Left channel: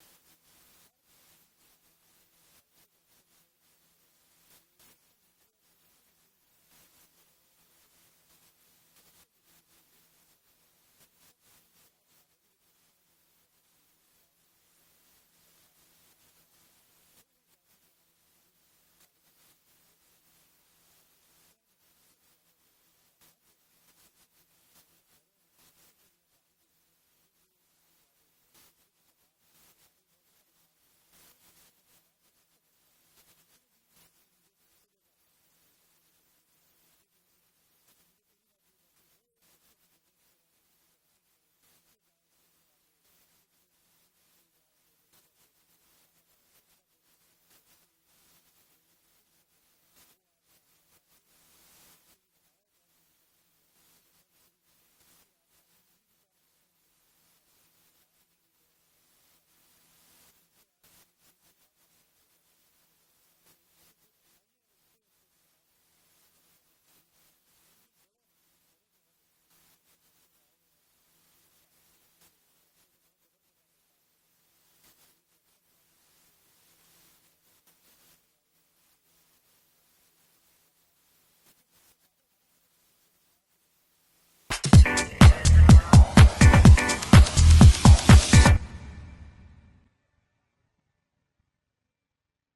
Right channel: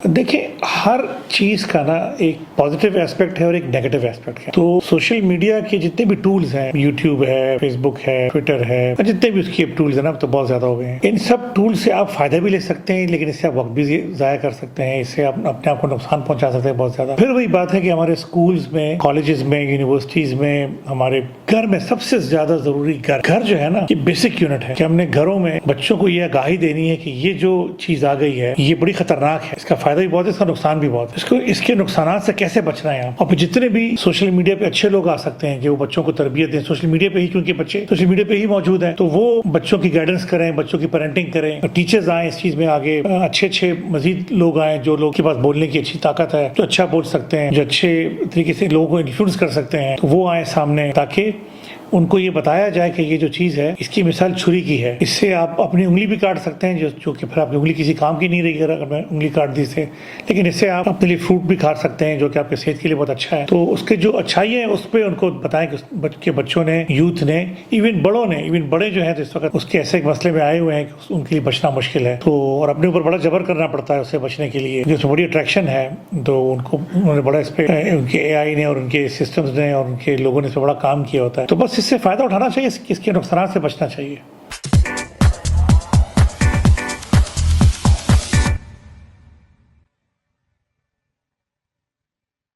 देखिए, हर चीज़ का ना एक पॉजिटिव एस्पेक्ट है और एक नेगेटिव एस्पेक्ट है। तो सोशल मीडिया के जितने भी टूल्स हैं, यूट्यूब है, फेसबुक है, ट्विटर है, और जितने भी उसके टूल्स हैं ना, अब तो बहुत ज़्यादा हो गए हैं। इन सब टूल से आप फ़ायदा भी ले सकते हैं, लेकिन इससे आप वक्त भी ज़ाया कर सकते हैं, इससे आप अपने आप को नुकसान पहुंचा सकते हैं बहुत ज़्यादा। फिर वही बात है कि हमारे स्कूल्स में, कॉलेजेस में, यूनिवर्सिटीज़ में, हमारे घर में सबसे ज़्यादा ज़रूरी घर जो है ना, ये बेसिक यूनिट है कि हमने घरों में बच्चों को ये आगाही देनी है कि ये जो चीज़ आ गई है, ये बड़ी खतरनाक है। इसका फायदा भी बहुत है, इसका नुकसान भी बहुत है। इसके नुकसान से कैसे बचना है आप। और जितने भी सोशल मीडिया पे अच्छे लोग आ सकते हैं कि वो बच्चों को तरबियत दें सोशल मीडिया पे ही, क्योंकि बच्चे सोशल मीडिया पे ही मौजूद हैं, तो वो बच्चों की गाइडेंस करें, बच्चों की पेरेंटिंग करें, टीचर्स आए इस चीज में आगे, अच्छे मजीद लोग आए जो लोग के पास बोलने की अच्छी ताकत है, जो अच्छा बोल सकते हैं, जो अच्छे तरीके से लोगों को इन्फ्लुएंस कर सकते हैं, तो वो आए सामने, ताकि उनको ये बताया जाए कि ये जो चीज़ है, इसकी मिसाल छुरी की है। इससे आप अपनी उंगली भी काट सकते हैं, जो कि फिर आपकी उंगली किसी काम की नहीं रही अगर मैं उंगली काट दी से। लेकिन इससे आप अपने लिए फ्रूट भी खा सकते हैं, जो कि आपके सेहत के लिए बहुत अच्छा है। तो उसके जो अच्छाई है उस पर उनको बताएं कि बच्चों ने, यूथ ने, इवन बड़े जो हैं तो इस वक्त उसके ऐसे एक मसले में आए हुए हैं कि उनके लिए बचना मुश्किल है। तो और अपने ऊपर बड़ा जबर करना पड़ता है उससे बचने के लिए, जिसमें बड़ी अट्रैक्शन है। तो उन्होंने बड़ा इस पर, उनके AI ने और उनके सिस्टम्स ने और उनके लोगों ने इस पर बड़ा काम किया होता है। तो बस इससे फ़ायदा उठाना चाहिए, इसके नुकसान से बचना चाहिए।